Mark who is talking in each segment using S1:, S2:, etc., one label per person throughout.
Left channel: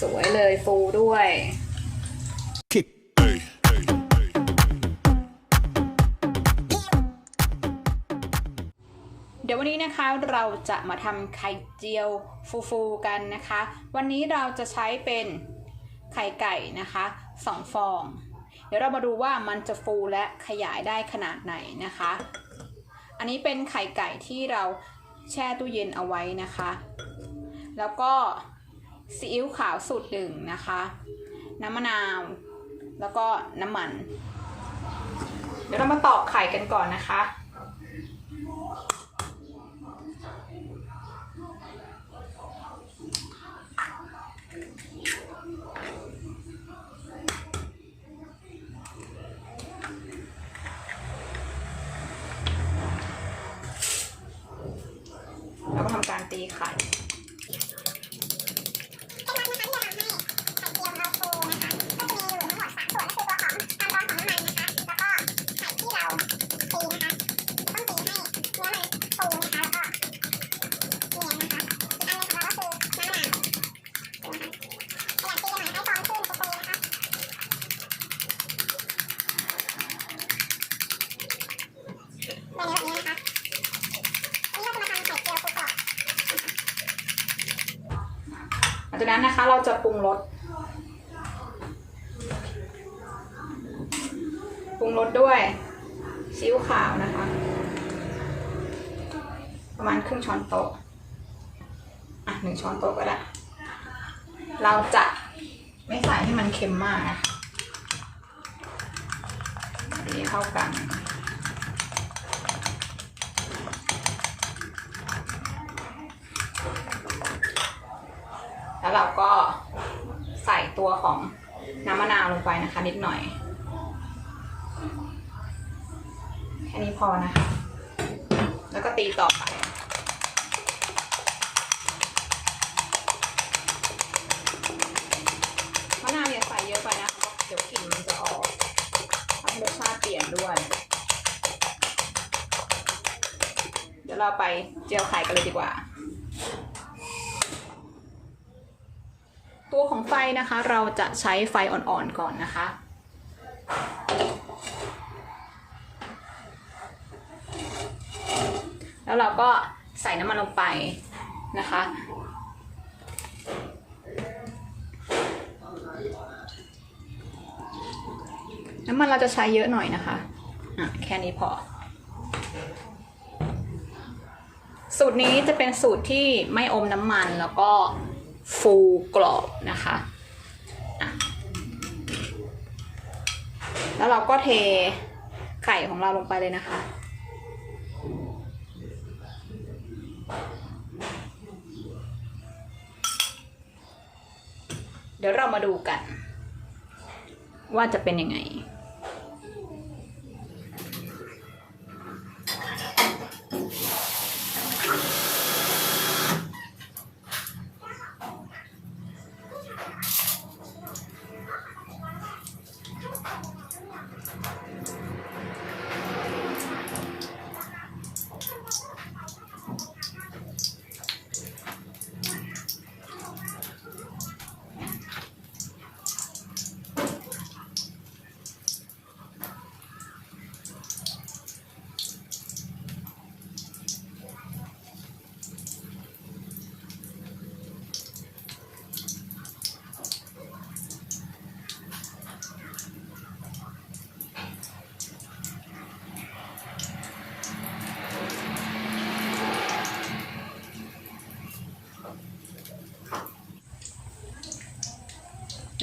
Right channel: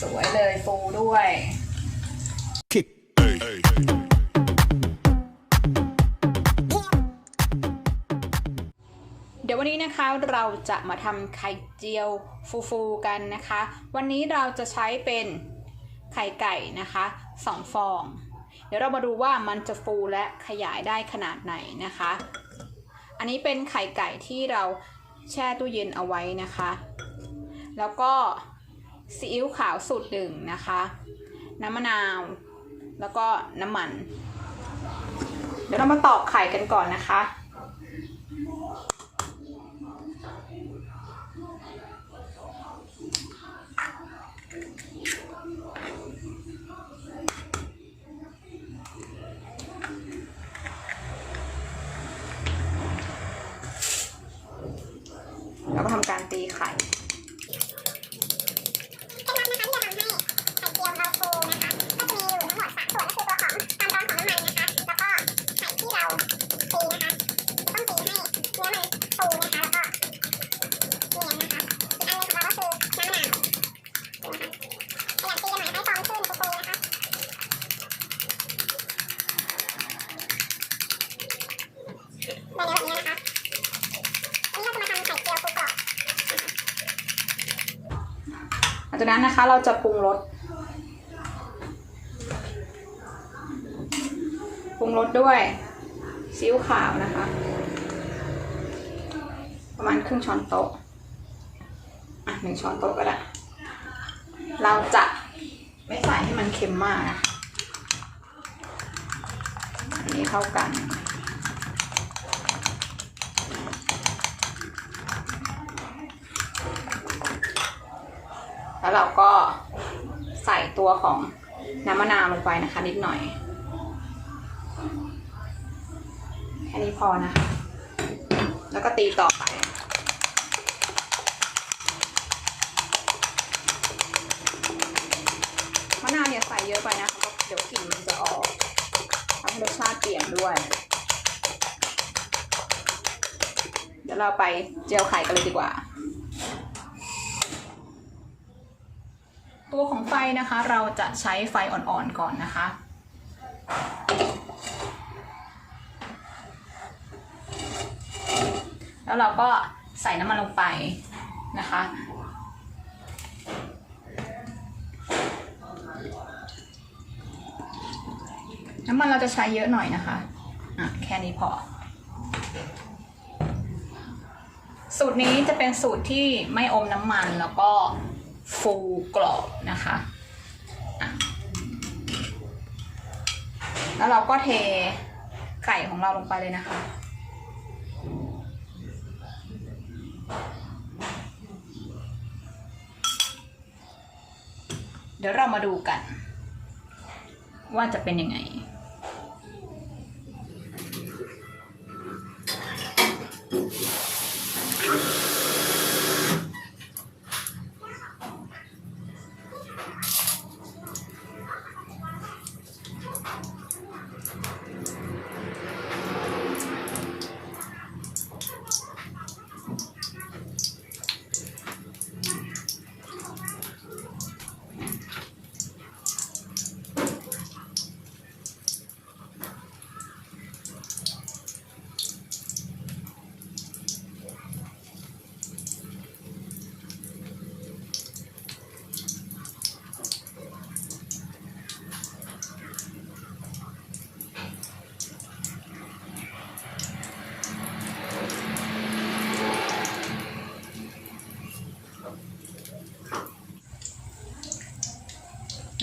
S1: สวยเลยฟูด้วย
S2: kick.
S1: เดี๋ยววันนี้นะคะเราจะมาทำไข่เจียวฟูๆกันนะคะ วันนี้เราจะใช้เป็นไข่ไก่นะคะสองฟอง เดี๋ยวเรามาดูว่ามันจะฟูและขยายได้ขนาดไหนนะคะ อันนี้เป็นไข่ไก่ที่เราแช่ตู้เย็นเอาไว้นะคะ แล้วก็ ซีอิ๊วขาวสูตรหนึ่งนะคะ น้ำมะนาว แล้วก็น้ำมัน เดี๋ยวเรามาตอกไข่กันก่อนนะคะแล้วก็ทำการตีไข่
S3: จากนั้นนะคะเราจะ
S1: ปรุงรสปรุงรสด้วยซีอิ๊วขาวนะคะ ประมาณครึ่งช้อนโต๊ะอะหนึ่งช้อนโต๊ะก็ได้ เราจะไม่ใส่ให้มันเค็มมากนะคะอันนี้เข้ากัน แล้วเราก็ใส่ตัวของน้ำมะนาวลงไปนะคะ นิดหน่อยแค่นี้พอนะคะ แล้วก็ตีต่อไปมะนาวอย่าใส่เยอะไปนะคะ เดี๋ยวกลิ่นมันจะออกทำให้รสชาติเปลี่ยนด้วย เดี๋ยวเราไปเจียวไข่กันเลยดีกว่า ตัวของไฟนะคะเราจะใช้ไฟอ่อนๆก่อนนะคะ แล้วเราก็ใส่น้ำมันลงไปนะคะ น้ำมันเราจะใช้เยอะหน่อยนะคะอะแค่นี้พอ สูตรนี้จะเป็นสูตรที่ไม่อมน้ำมันแล้วก็ ฟูกรอบนะคะแล้วเราก็เทไข่ของเราลงไปเลยนะคะ เดี๋ยวเรามาดูกัน ว่าจะเป็นยังไง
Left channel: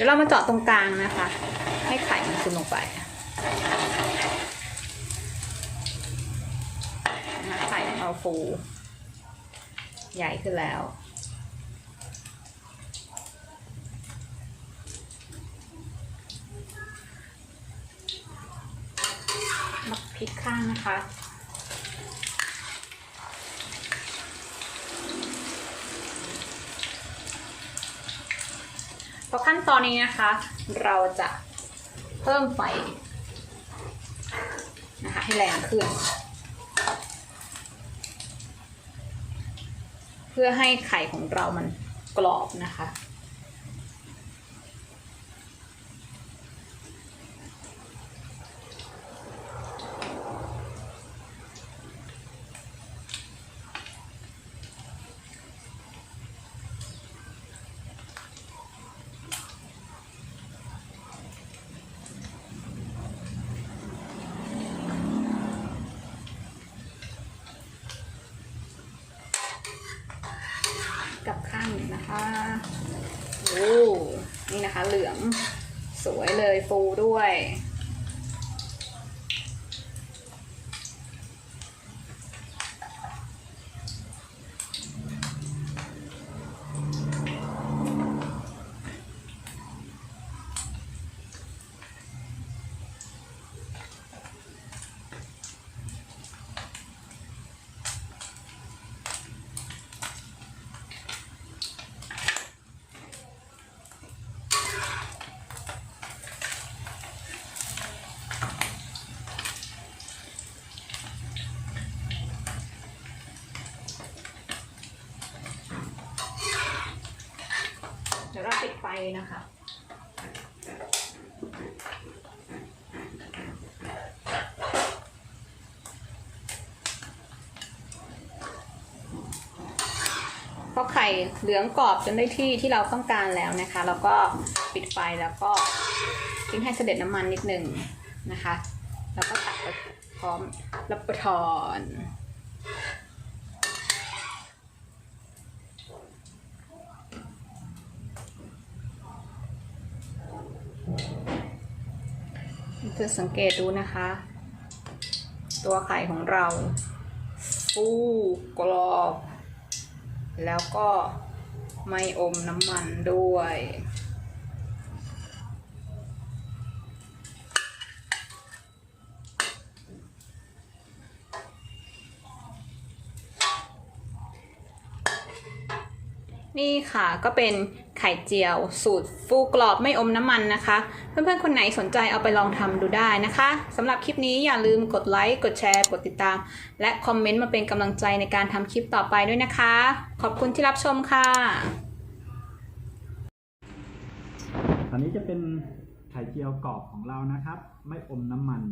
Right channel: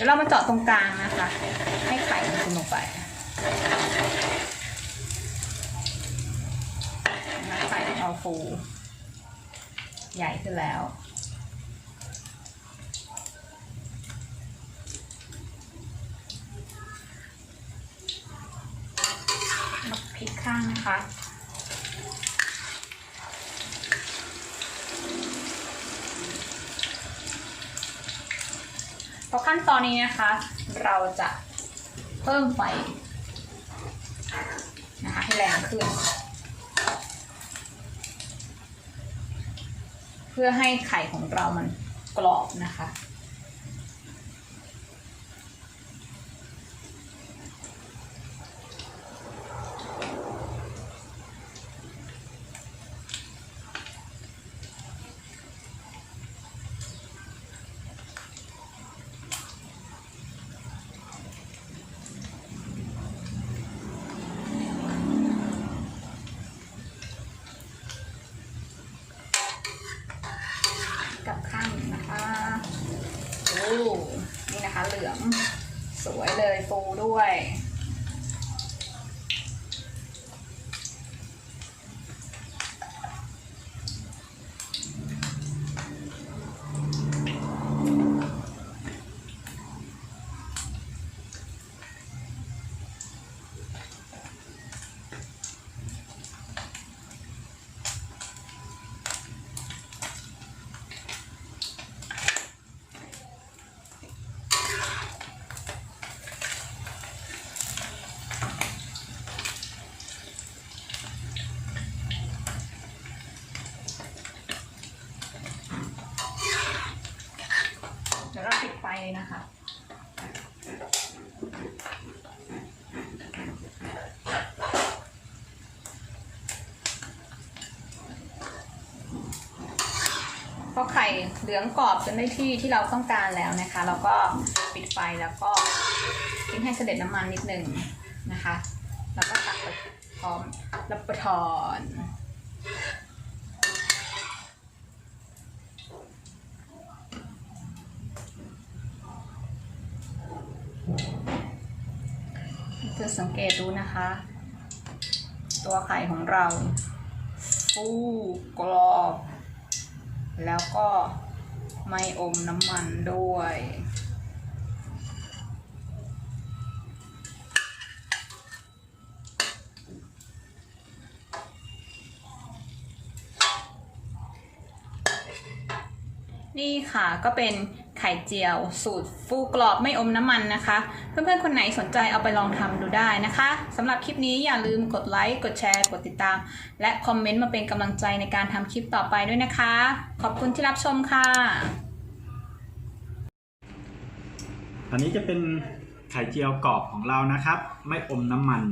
S1: ดี๋ยวเรามาเจาะตรงกลางนะคะ ให้ไข่มันซึมลงไปไข่ขอาฟู ใหญ่ขึ้นแล้วพลิกข้างนะคะ อขั้นตอนนี้นะคะ เราจะเพิ่มไฟนะคะให้แรงขึ้น เพื่อให้ไข่ของเรามันกรอบนะคะ โอ้ นี่นะคะเหลืองสวยเลยฟูด้วย เดี๋ยว เราปิดไฟเลยนะคะ พอไข่เหลืองกรอบจนได้ที่ที่เราต้องการแล้วนะคะเราก็ปิดไฟแล้วก็ทิ้งให้เสด็จน้ำมันนิดนึงนะคะ แล้วก็ตักพร้อมรับประทาน จะสังเกตดูนะคะ ตัวไข่ของเรา ฟูกรอบ แล้วก็ไม่อมน้ำมันด้วย นี่ค่ะก็เป็นไข่เจียว สูตรฟูกรอบไม่อมน้ำมันนะคะ เพื่อนๆ คนไหนสนใจเอาไปลองทำดูได้นะคะสำหรับคลิปนี้อย่าลืมกดไลค์ กดแชร์ กดติดตาม และคอมเมนต์มาเป็นกำลังใจในการทำคลิปต่อไปด้วยนะคะ ขอบคุณที่รับชมค่ะ
S4: อันนี้จะเป็นไข่เจียวกรอบของเรานะครับ ไม่อมน้ำมัน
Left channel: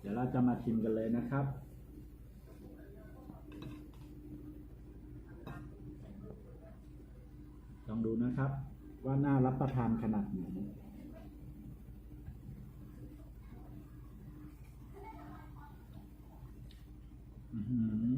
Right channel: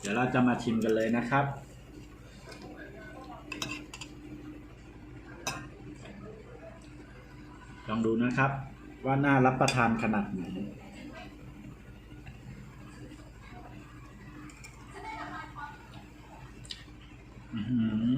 S4: เดี๋ยวเราจะมาชิมกันเลยนะครับ ลองดูนะครับ ว่าน่ารับประทานขนาดไหนอือ